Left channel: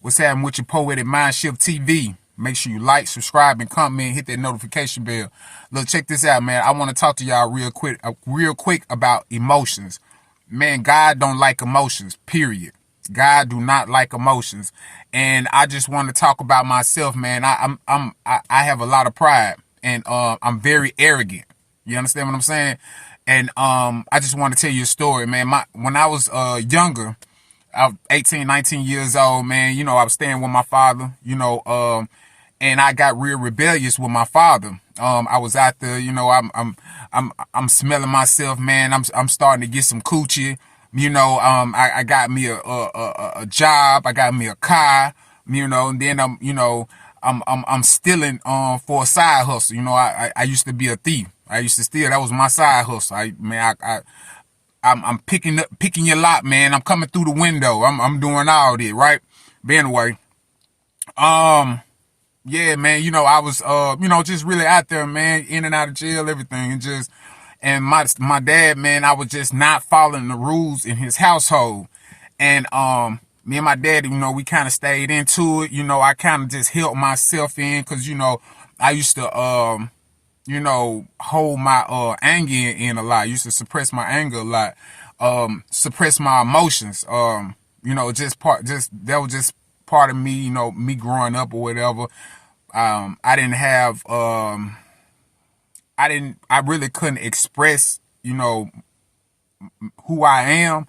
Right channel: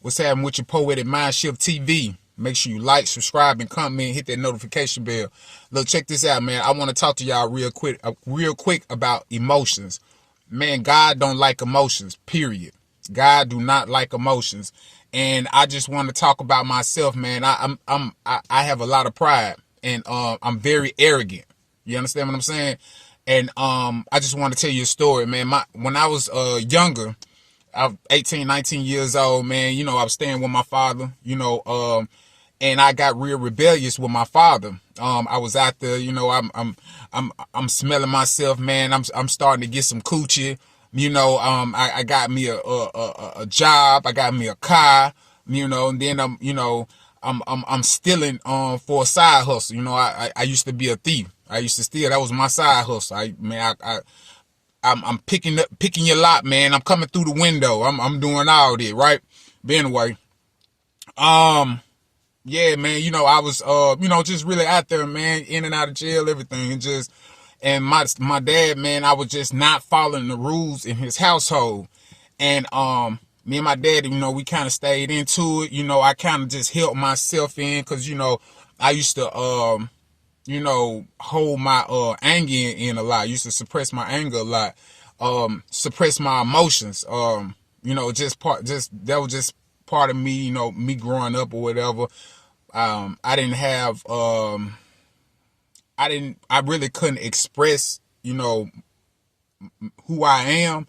What's happening with your Poetic Mind Shift TV? Make sure you like, subscribe, and comment. Hit that notification bell. Look, check this out, man. I want to talk to y'all real quick about emotions. Man, God don't like emotions, period. God do not like emotions. And I just want to talk about myself, man. I have a lot of pride, and I'm very arrogant. You understand what I'm saying? And I just want to tell you a story, man. When I was younger, I was 18, 19 years old, man. You know, I was staying with my father, and I got real rebellious with my father. I was out there, I'm smelling myself, man. I'm starting to get some coochie. I got me a job. I got me a car, and then I'm stealing for a side hustle. I used to be a thief. I used to steal. That was my side hustle. I'm picking your lot, man. I'm coming through the window. I'm doing all this, right? But anyway, yeah, man, I was just really out there, man, in and out of jail, everything, and my dad, man, I was just not following the rules in his household. And me and my dad, we kind of stayed into it. I kind of just held myself in, because I used to hold my anger in a lot. I used to suppress my anger a lot, suppress my emotions. That was just part of me, me growing up or whatever. I didn't have I really couldn't express, who I am,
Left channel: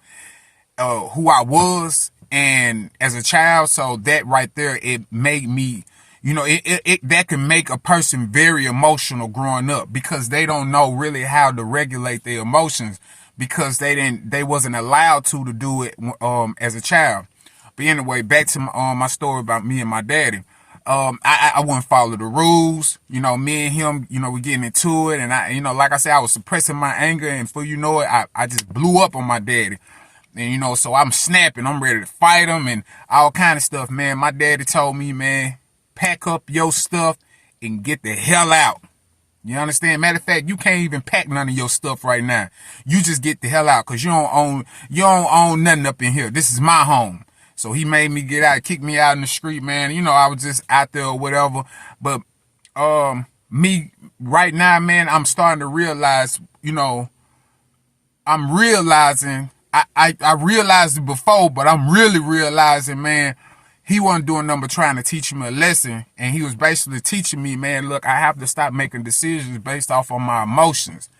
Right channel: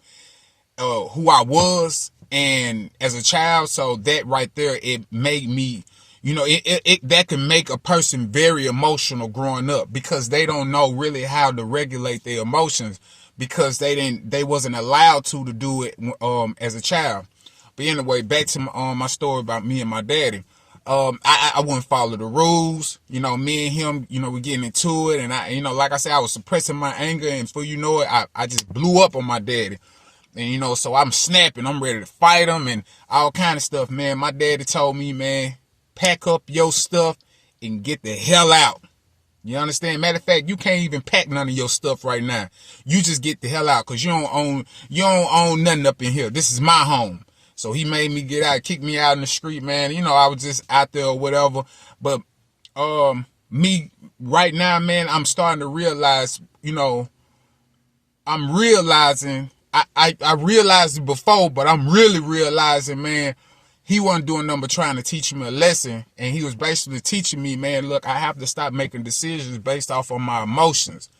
who I was, and as a child. So that right there, it made me, that can make a person very emotional growing up, because they don't know really how to regulate their emotions, because they wasn't allowed to do it as a child. But anyway, back to my story about me and my daddy. I wouldn't follow the rules. Me and him, we getting into it, and like I said, I was suppressing my anger, and before you know it, I just blew up on my daddy. And so I'm snapping, I'm ready to fight him and all kind of stuff, man. My daddy told me, man, pack up your stuff and get the hell out. You understand? Matter of fact, you can't even pack none of your stuff right now. You just get the hell out, because you don't own nothing up in here. This is my home. So he made me get out, kicked me out in the street, man. I was just out there or whatever. But me right now, man, I'm starting to realize, I'm realizing, I realized it before, but I'm really realizing, man, he wasn't doing nothing but trying to teach me a lesson. And he was basically teaching me, man, look, I have to stop making decisions based off of my emotions.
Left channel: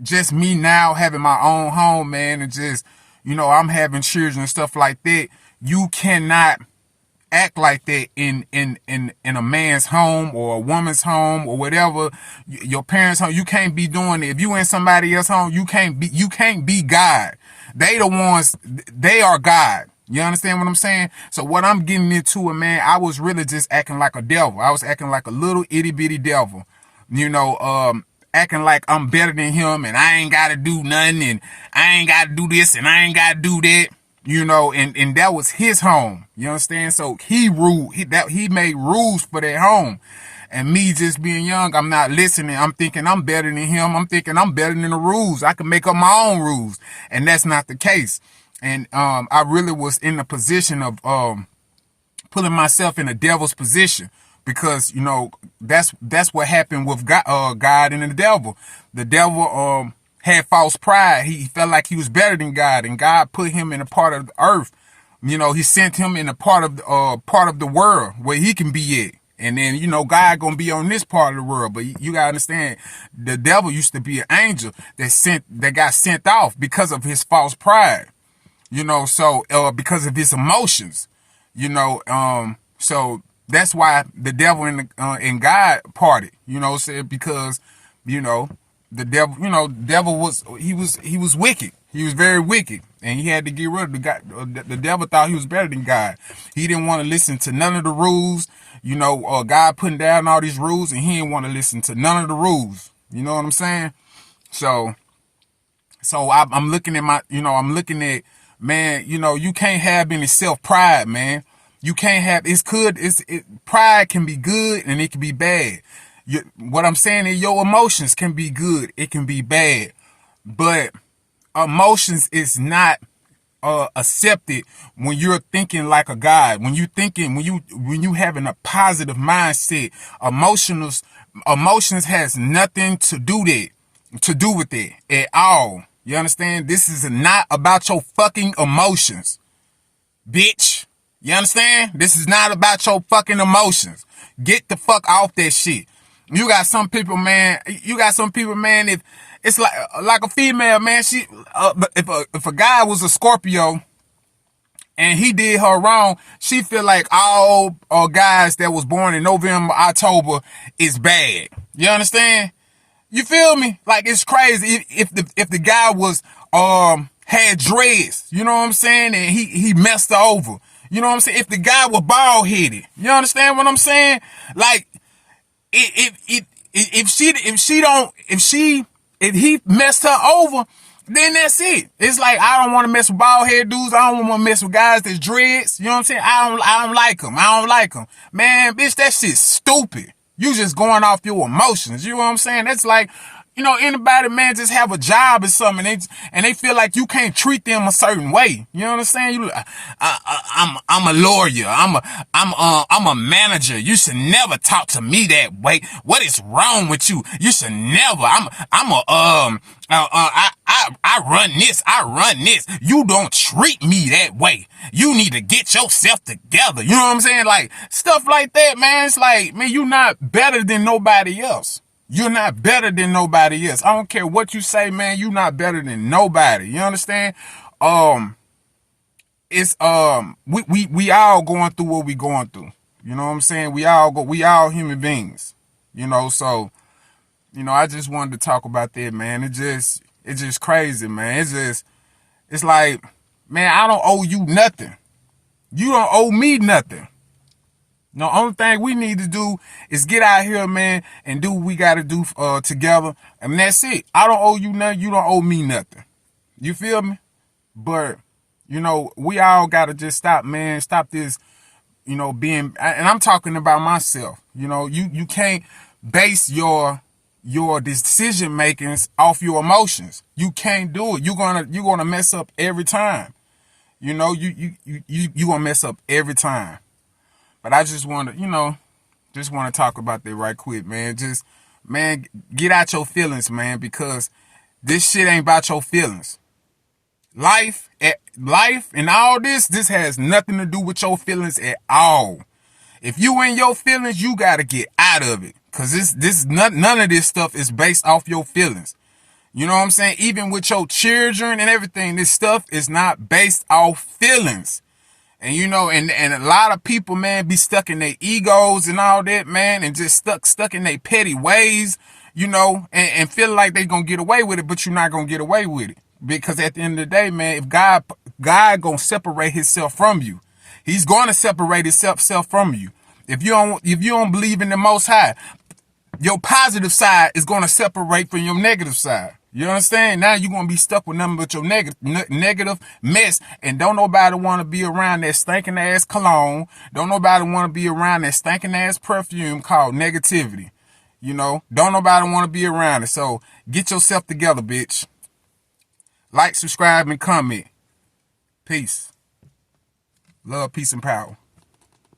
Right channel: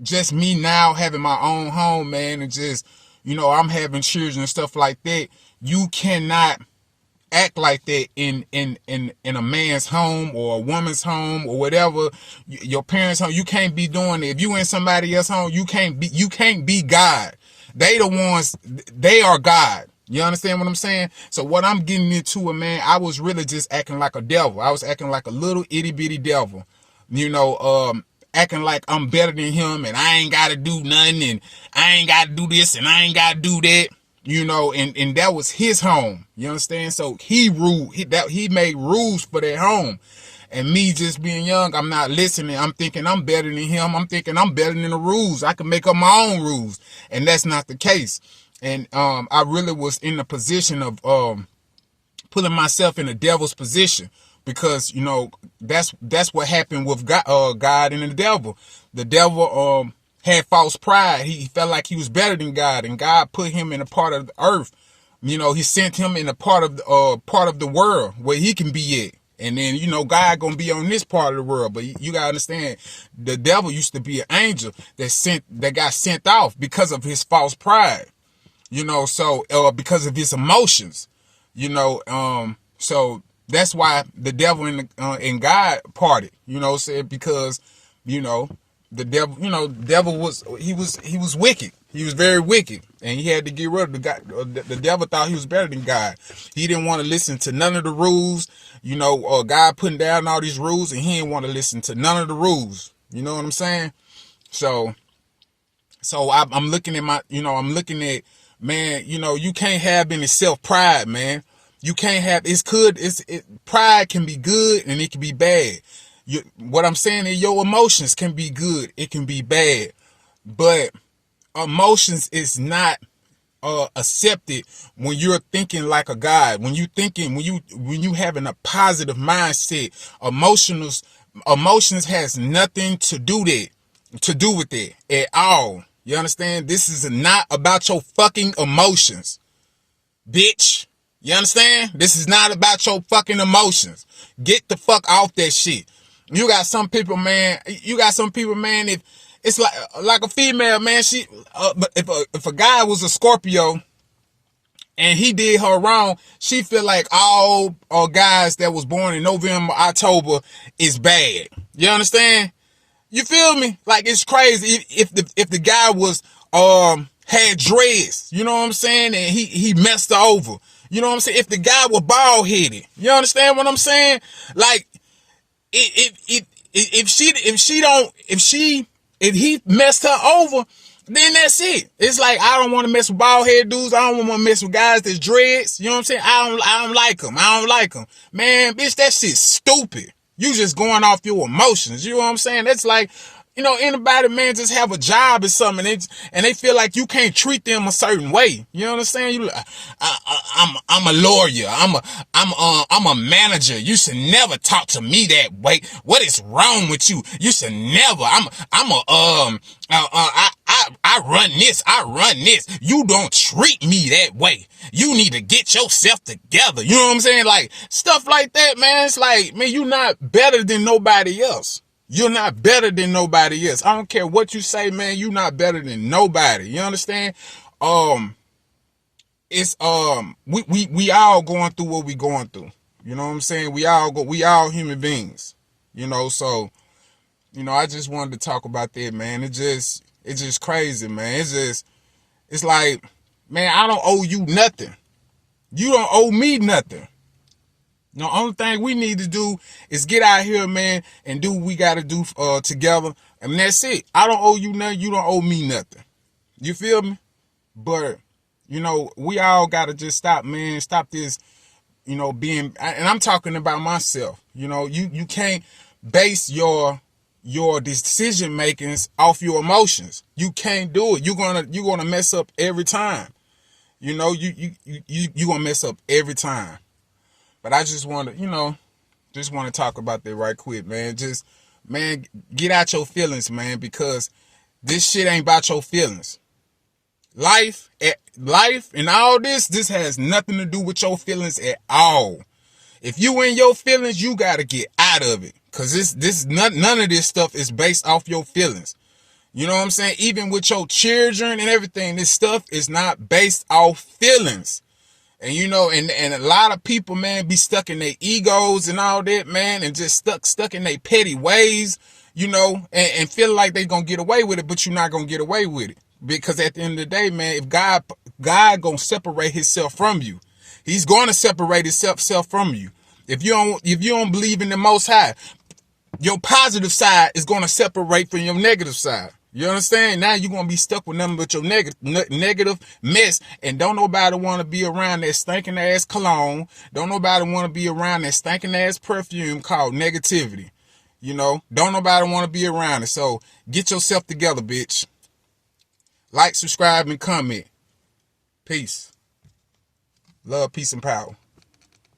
Just me now having my own home, man, and just, I'm having children and stuff like that. You cannot act like that in a man's home or a woman's home or whatever, your parents' home. You can't be doing it. If you in somebody else's home, you can't be God. They are God. You understand what I'm saying? So what I'm getting into, man, I was really just acting like a devil. I was acting like a little itty bitty devil, acting like I'm better than him, and I ain't got to do nothing, and I ain't got to do this, and I ain't got to do that, and that was his home. You understand? So he ruled, he made rules for that home. And me just being young, I'm not listening. I'm thinking I'm better than him. I'm thinking I'm better than the rules. I can make up my own rules. And that's not the case. And I really was in the position of putting myself in the devil's position. Because, that's what happened with God and the devil. The devil had false pride. He felt like he was better than God, and God put him in a part of the earth. He sent him in a part of the world where he can be at. And then, God gonna be on this part of the world. But you gotta understand, the devil used to be an angel that got sent off because of his false pride. So because of his emotions. So that's why the devil and God parted, said, because, the devil was wicked. He was very wicked, and he had to get rid of the God. The devil thought he was better than God. He didn't want to listen to none of the rules, God putting down all these rules, and he didn't want to listen to none of the rules. You know what I'm saying? So I'm looking at man, you can't have any self-pride, man. You can't have, pride can be good and it can be bad. What I'm saying is, your emotions can be good, it can be bad. But emotions is not accepted when you're thinking like a God. When you having a positive mindset. Emotions has nothing to do with it at all. You understand? This is not about your fucking emotions, bitch. You understand? This is not about your fucking emotions. Get the fuck off that shit. You got some people, man. If it's like a female, man, if a guy was a Scorpio and he did her wrong, she feel like all guys that was born in November, October is bad. You understand? You feel me? Like, it's crazy. If the guy was had dreads, you know what I'm saying, and he messed her over. You know what I'm saying? If the guy was bald headed, you understand what I'm saying? Like, if he messed her over, then that's it. It's like, I don't want to mess with bald head dudes. I don't want to mess with guys that's dreads. You know what I'm saying? I don't like them. I don't like them. Man, bitch, that shit's stupid. You just going off your emotions. You know what I'm saying? That's like, you know, anybody, man, just have a job or something, and they feel like you can't treat them a certain way. You know what I'm saying? I'm a lawyer. I'm a manager. You should never talk to me that way. What is wrong with you? You should never. I run this. I run this. You don't treat me that way. You need to get yourself together. You know what I'm saying? Like, stuff like that, man. It's like, man, you're not better than nobody else. You're not better than nobody else. I don't care what you say, man. You're not better than nobody. You understand? It's we all going through what we going through. You know what I'm saying? We all human beings. You know, so, you know, I just wanted to talk about that, man. It's just crazy, man. It's like, man, I don't owe you nothing. You don't owe me nothing. The only thing we need to do is get out here, man, and do what we got to do together. And that's it. I don't owe you nothing. You don't owe me nothing. You feel me? But, you know, we all got to just stop, man. Stop this, you know, being, and I'm talking about myself. You know, you can't base your decision makings off your emotions. You can't do it. You're gonna mess up every time. You know, you gonna mess up every time. But I just want to talk about that right quick, man. Just, man, get out your feelings, man, because this shit ain't about your feelings. Life and all this has nothing to do with your feelings at all. If you in your feelings, you got to get out of it, because none of this stuff is based off your feelings. You know what I'm saying? Even with your children and everything, this stuff is not based off feelings. And, you know, and a lot of people, man, be stuck in their egos and all that, man, and just stuck in their petty ways, you know, and feel like they gonna get away with it, but you're not gonna get away with it. Because at the end of the day, man, if God gonna separate himself from you, he's gonna separate himself from you. If you don't believe in the Most High, your positive side is gonna separate from your negative side. You understand? Now you're going to be stuck with nothing but your negative mess. And don't nobody want to be around that stinking ass cologne. Don't nobody want to be around that stinking ass perfume called negativity. You know, don't nobody want to be around it. So get yourself together, bitch. Like, subscribe, and comment. Peace. Love, peace, and power.